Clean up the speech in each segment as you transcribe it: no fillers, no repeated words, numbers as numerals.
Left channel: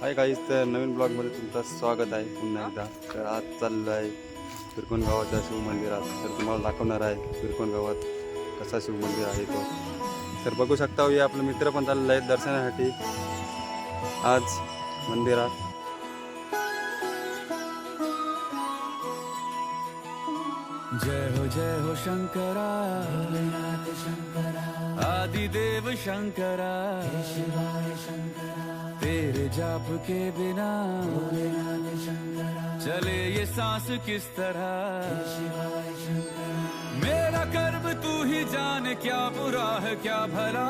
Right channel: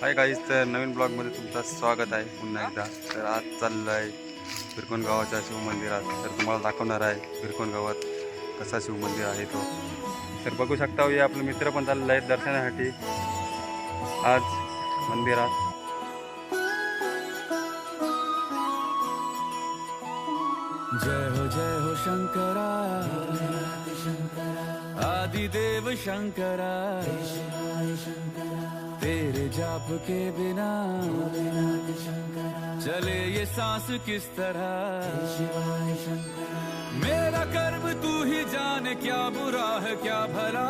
Hi guys, तर नवीन ब्लॉगमध्ये तुमचं स्वागत आहे पुन्हा एकदा. तर आज चाललो आहे फिरकोन गावाच्या शिव मंदिरात. तर तुम्हाला दाखवणार आहे फिरकोन गावात कसा शिव मंदिर आहे तो. तर बघू शकता हे आपले मित्र पण चाललेले आहेत दर्शनासाठी आज मंदिरात. जय हो शंकरा आदिदेव शंकरा, तेरे जाप के बिना चले ये सांस किस तरह। मेरा कर्म तू ही जाने, क्या बुरा है क्या भला।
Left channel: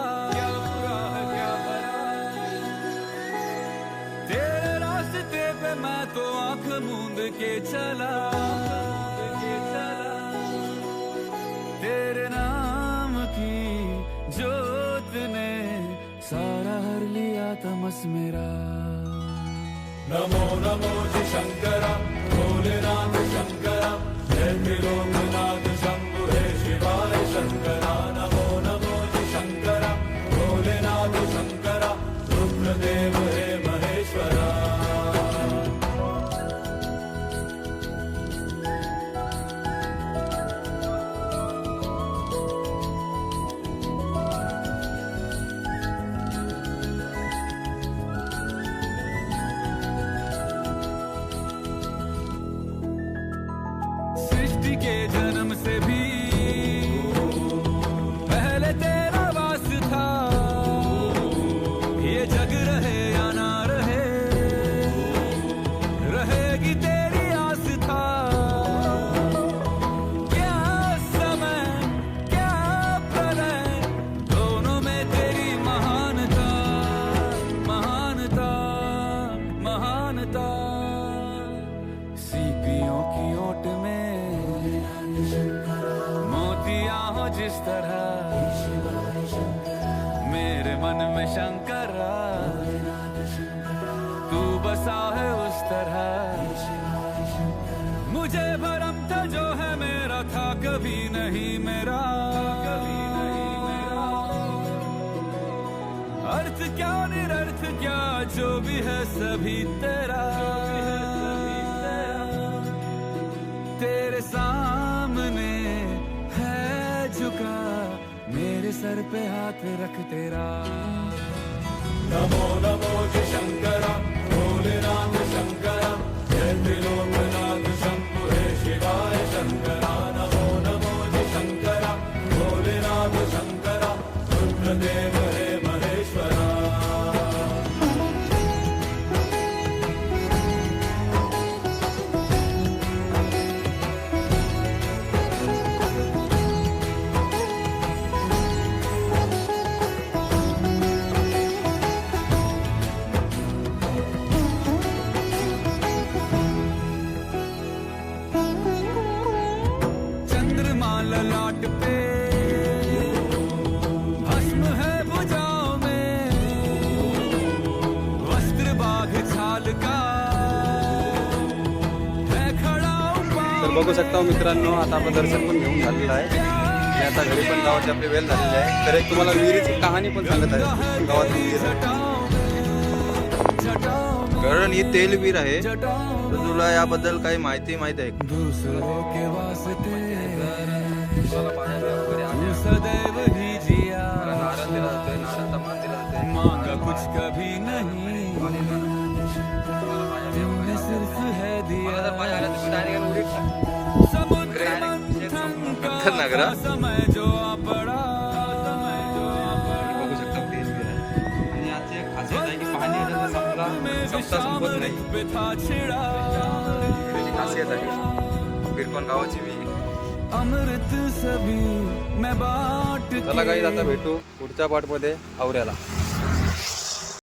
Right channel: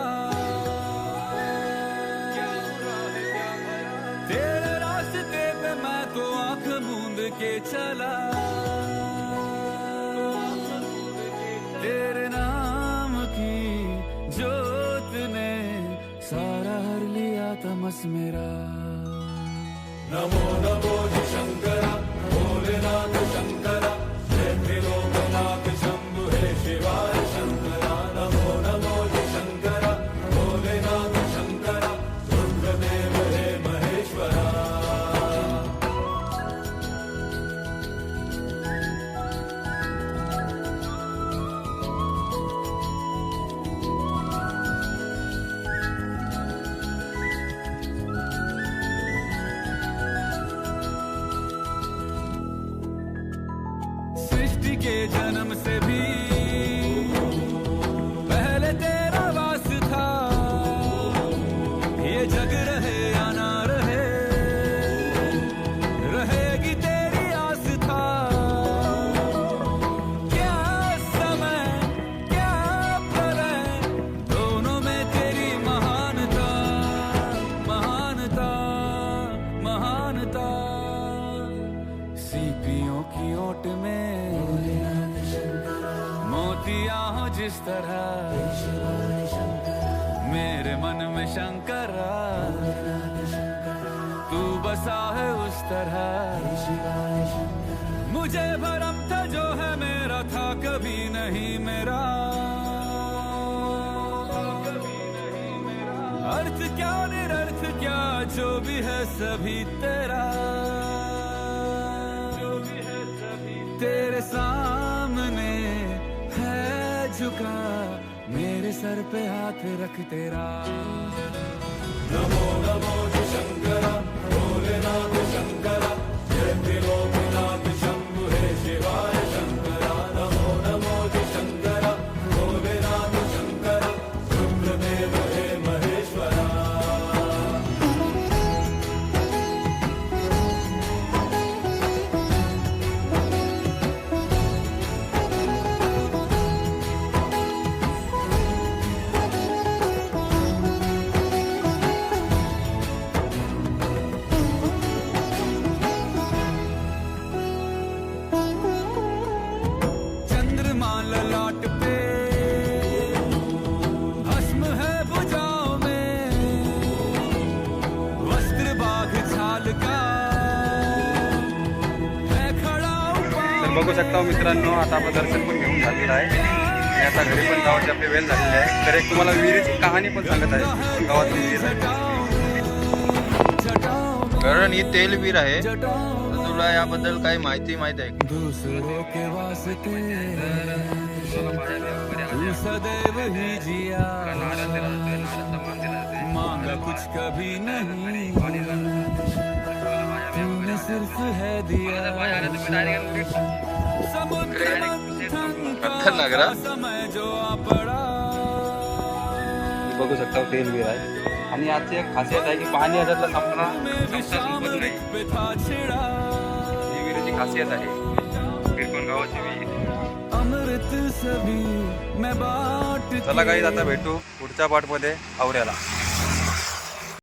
तेरे रास्ते पे मैं तो आंख मूंद के चला, तेरे नाम की जोत ने सारा हर लिया तमस मेरा। नमो नमो जी शंकरा, भोलेनाथ शंकरा, जय त्रिलोकनाथ शंभु हे शिवाय शंकरा। नमो नमो जी शंकरा, भोलेनाथ शंकरा, रुद्रदेव हे महेश्वरा। सृष्टि के जन्म से भी पहले तेरा वास था, ये जग रहे या ना रहे, रहेगी तेरी आस था। क्या समय क्या प्रलय, दोनों में तेरी महानता महानता महानता। सीपियों की ओट में मोतियां हो जिस तरह, मेरे मन में शंकरा तू बसा है उस तरह। मुझे भरम था जो है मेरा था कभी नहीं मेरा, अर्थ क्या निरर्थ क्या जो भी है सभी तेरा। तेरे सामने है झुका मेरे सर पे हाथ रख तेरा। नमो नमो जी शंकरा, भोलेनाथ शंकरा, जय त्रिलोकनाथ शंभु हे शिवाय शंकरा। नमो नमो जी शंकरा, भोलेनाथ शंकरा, रुद्रदेव हे महेश्वरा। चंद्रमा ललाट पे भस्म है भुजाओं में, वस्त्र बाघ छाल का है खड़ा उपाय। तर बघू शकता मित्रांनो, आता आपण दर्शन पण घेऊन झालेलं आहे आणि आता घरी पण गावाची आपली वेळ झालेली आहे. तर एक तुम्हाला विहिरीची कहाणी पण सांगत आहे गावात विहीर आहे. कारण ही तेल विहीर आहे. तुला याबद्दल काही माहिती माहित आहे? दूसरों के वास्ते तू सदैव ही जिया, मांगा कुछ कभी नहीं, तूने सिर्फ है दिया। समुद्र मंथन का समय जो आ पड़ा, बघू शकता तेल विहीर आहे. आणि आजची एक खासियत आहे की पाणी ह्याच्यातलं संपला पे था छिड़ा। खासियत आहे फिरकोन गावाची विहीर. अमृत सभी मैं बाट। चला काही आता भेटू पुढच्या पार्टमध्ये आवऱ्याला.